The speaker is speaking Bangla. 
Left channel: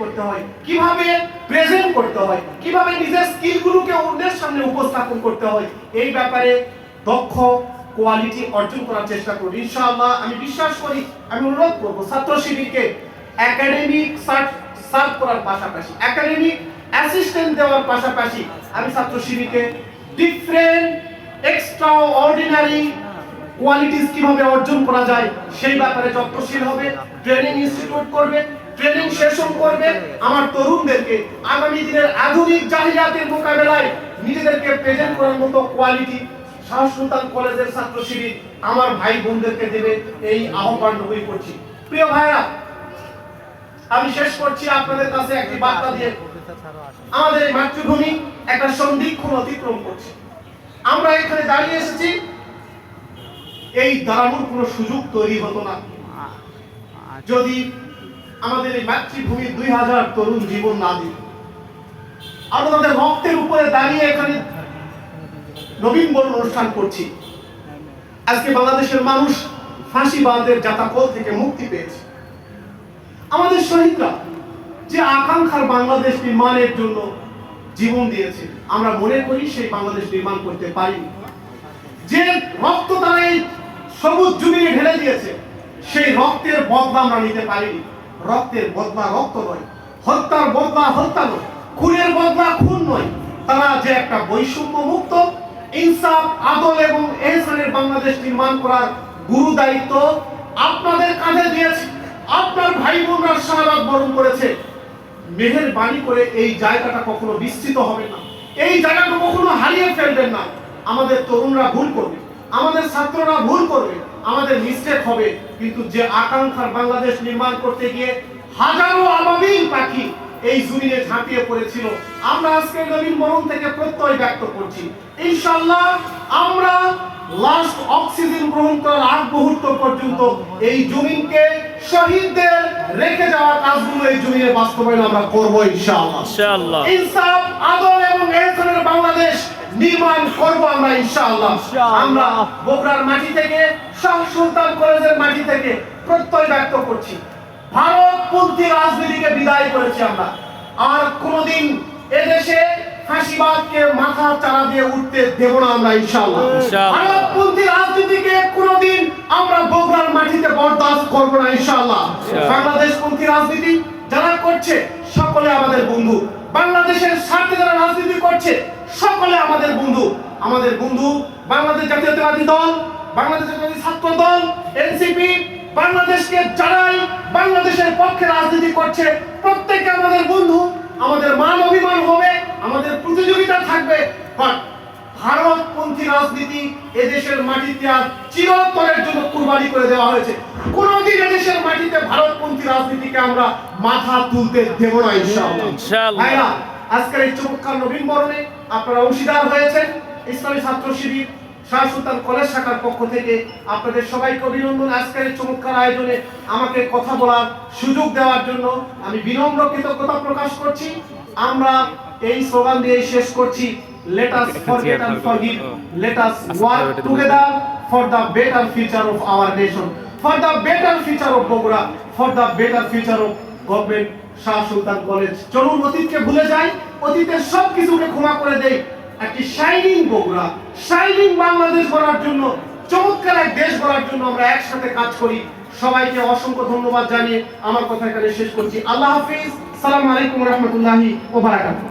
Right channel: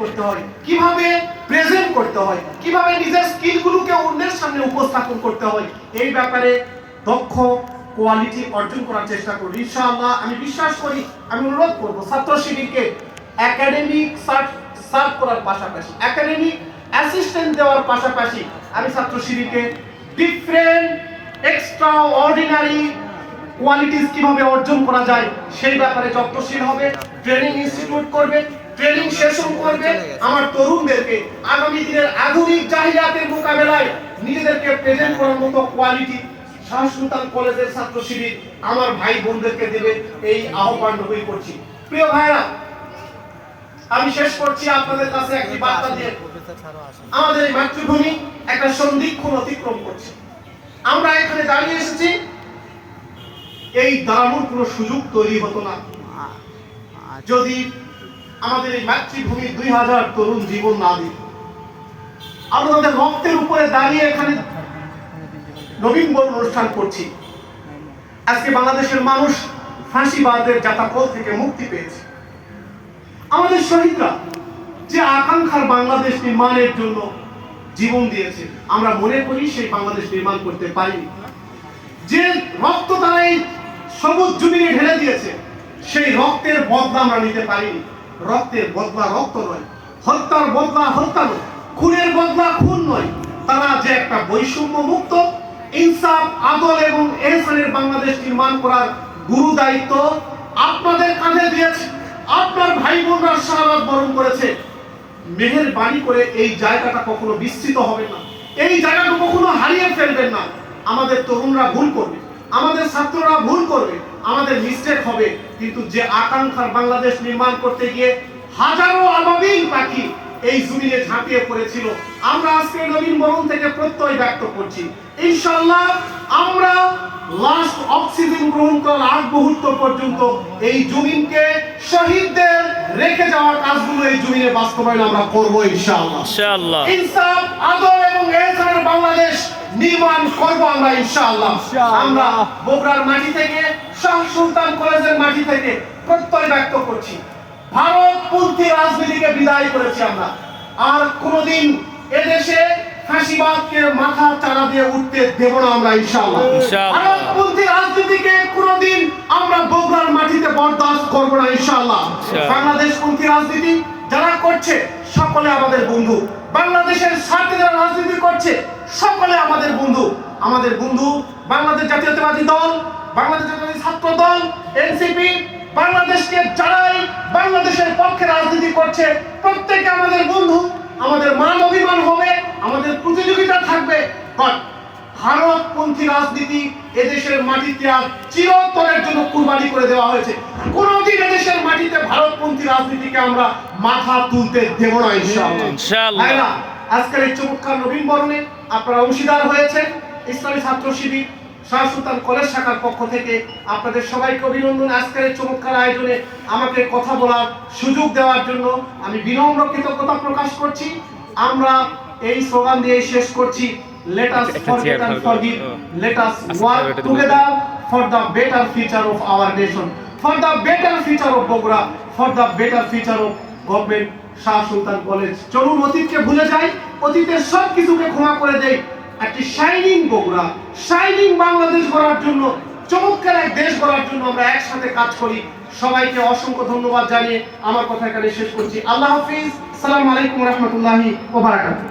করতে হয়, কিভাবে প্রেজেন্ট করতে হয়, কিভাবে নিজের স্কিলগুলোকে অন্যের সামনে উপস্থাপন করতে হয়, এই ব্যাপারে দক্ষ কোয়ালিটি অর্জন করার চেষ্টা করি ইনশাআল্লাহ। আমি বিশ্বাস করি, আমি অনুরোধ করব ছাত্র শিবিরকে একাডেমিক সার্ভ করার পাশাপাশি, একাডেমিক অ্যাসিস্ট্যান্ট দেওয়ার পাশাপাশি আমি ছাত্র শিবিরকে ডিফারেন্ট এক্সট্রা অর্ডিনারি কোয়ালিটিস কিভাবে অর্জন করা যায় সেই ব্যাপারে যত্নশীল হবে, ট্রেনিং ইনস্টিটিউট করবে, ট্রেনিং সেশন করবে, আমার তরুণদেরকে আগামী দিনের আধুনিক জাহিলিয়াতের মোকাবেলায় নিজেদেরকে প্রেজেন্ট করার মতো কোয়ালিটি শাহ সুলতান কলেজের ছাত্র শিবির আমার ভাই বোনদেরকে দেবে, এই আহ্বান রবি করছি। প্রিয় ভাইরা, আমি শেষ করছি আপনাদের কাছে একটি বার্তা দিয়ে। আমাদের এই মাতৃভূমি একটা সন্ধিক্ষণ অতিক্রম করছে। আমরা এখানে দাঁড়িয়ে এসেছি, এই দাঁড়ানোর কোনো সুযোগ তৈরি হতো না যদি আমাদের এই মাতৃভূমি 2000 তরুণ জীবন না দিত। আমরা তাদের রক্তের উপরে দাঁড়িয়ে এখানে নবীন বরণ অনুষ্ঠান করছি। আজকে বাংলাদেশের মানুষ ফাঁসিবাদের জাতাকল থেকে মুক্তি পেয়েছে। আমাদের শহীদরা যে আকাঙ্ক্ষার বাংলাদেশ নির্মাণের জন্য জীবন দিয়েছে, আমরা মনে করি সেই বাংলাদেশ নির্মাণ করতে পারি। যে রক্ত তারা এই সবুজ জমিনে ঢেলে দিয়েছে, সেই রক্তের বদলা আমরা নিতে পারিনি। রক্তের বদলা রক্ত নয়, হত্যার বদলা হত্যা নয়, খুনের বদলা খুন নয়। তারা যে একটা বৈষম্য মুক্ত, ইনসাফ, আদল এবং এহসানের বাংলাদেশ নির্মাণ করার গুরু দায়িত্ব আপনাদের কাঁধে দিয়েছে। আপনার ভাই বোনরা শাহাদাত বরণ করেছে। মেহেরবানি করে এই জায়গাটা কখনো বিস্তৃত হবে না, এই জায়গাটা কখনো হারিয়ে ফেলবেন না। আমাদের তরুণরা ভুল করবে, আমাদের ছাত্ররা ভুল করবে, আমাদের মিস্টেক হবে, কিন্তু যে আকাঙ্ক্ষার বাংলাদেশ নির্মাণ করতে গিয়ে হাজারো আবাবিল পাখি এই জমিনে ঝাঁপিয়ে পড়েছিল, আমরা আজকে নবীন বরণ থেকে প্রত্যয় ব্যক্ত করছি। ইনশাআল্লাহ আমরা লাস্ট অক্সিজেন গ্রহণ করার আগ মুহূর্ত পর্যন্ত এই জমিনকে শহীদদের রেখে যাওয়ার কাজগুলো এই জমিনে বাস্তবায়ন আমরা করব ইনশাআল্লাহ। ইনসাফ, আদল এবং এহসানের বাংলাদেশ নির্মাণ করব আমরা ইনশাআল্লাহ। আমরা বগুড়ার মাটি থেকে, শাহ সুলতান কলেজের মাটি থেকে প্রত্যয় ব্যক্ত করছি, ভারতপন্থী রাজনীতিকে বিদায় করেছি আমরা। আর কোনদিন এদেশে ফাঁসিবাদকে মাথা চাড়া দিয়ে উঠতে দেব না আমরা ইনশাআল্লাহ। ভারতপন্থী রাজনীতিকে কোনদিন আমরা বগুড়ার মাটিতে বরদাস্ত করব না ইনশাআল্লাহ। বাংলাদেশপন্থী রাজনীতি যারা করছে সকলে আমাদের বন্ধু, বাংলাদেশের স্বার্থে যারা রাজনীতি করছে সকলে আমাদের বন্ধু। আমাদের বন্ধু বাংলাদেশ জাতীয়তাবাদী দল, বাংলাদেশ জাতীয়তাবাদী ছাত্র দল, এনসিপি, বাংলাদেশকে যারাই বাংলাদেশের পক্ষে রাজনীতি করছে প্রত্যেকে আমাদের বন্ধু। আমাদের মান অভিমান হবে, আমাদের প্রতিযোগিতা থাকবে, বাট ভারতপন্থী রাজনীতি এদেশের মাটিতে আর চিরতরের জন্য কুরবানি করে দেওয়া হয়েছে। কোনদিন এদেশের মাটিতে ভারতপন্থী রাজনীতিকে আমরা মাথা তুলতে দেব না ইনশাআল্লাহ। ভাইরা, আজকের এই চমৎকার নবীন বরণে আপনারা অংশীদার হয়েছেন। ইসলামী ছাত্র শিবির শাহ সুলতান কলেজ শাখার পক্ষ থেকে আপনাদের সবাইকে অভিনন্দন। আজকের এই চমৎকার আয়োজনে আমাকে কথা বলার সুযোগ দেওয়ার জন্য আমি বিনম্র কৃতজ্ঞতা প্রকাশ করছি। আমরা এই স্লোগান দিয়ে শেষ করছি, let us forget and forgive, let us work together for the better future of our nation, for the better future of Bogora, for the better future of government Shah Sultan college. চলুন অতীতকে ভুলে যাই, অতীতের সব কিছুকে ক্ষমা করে দেই, একটি শাইনিং বগুড়া, শাইনিং বাংলাদেশ গড়ার জন্য, চমৎকার এক দেশ গড়ার জন্য আমরা একসাথে কাজ করি। সবাইকে অসংখ্য ধন্যবাদ জানিয়ে আমার কথা এখানে শেষ করছি। আল্লাহ হাফিজ, আসসালামু আলাইকুম ওয়া রাহমাতুল্লাহি ওয়া বারাকাতুহু।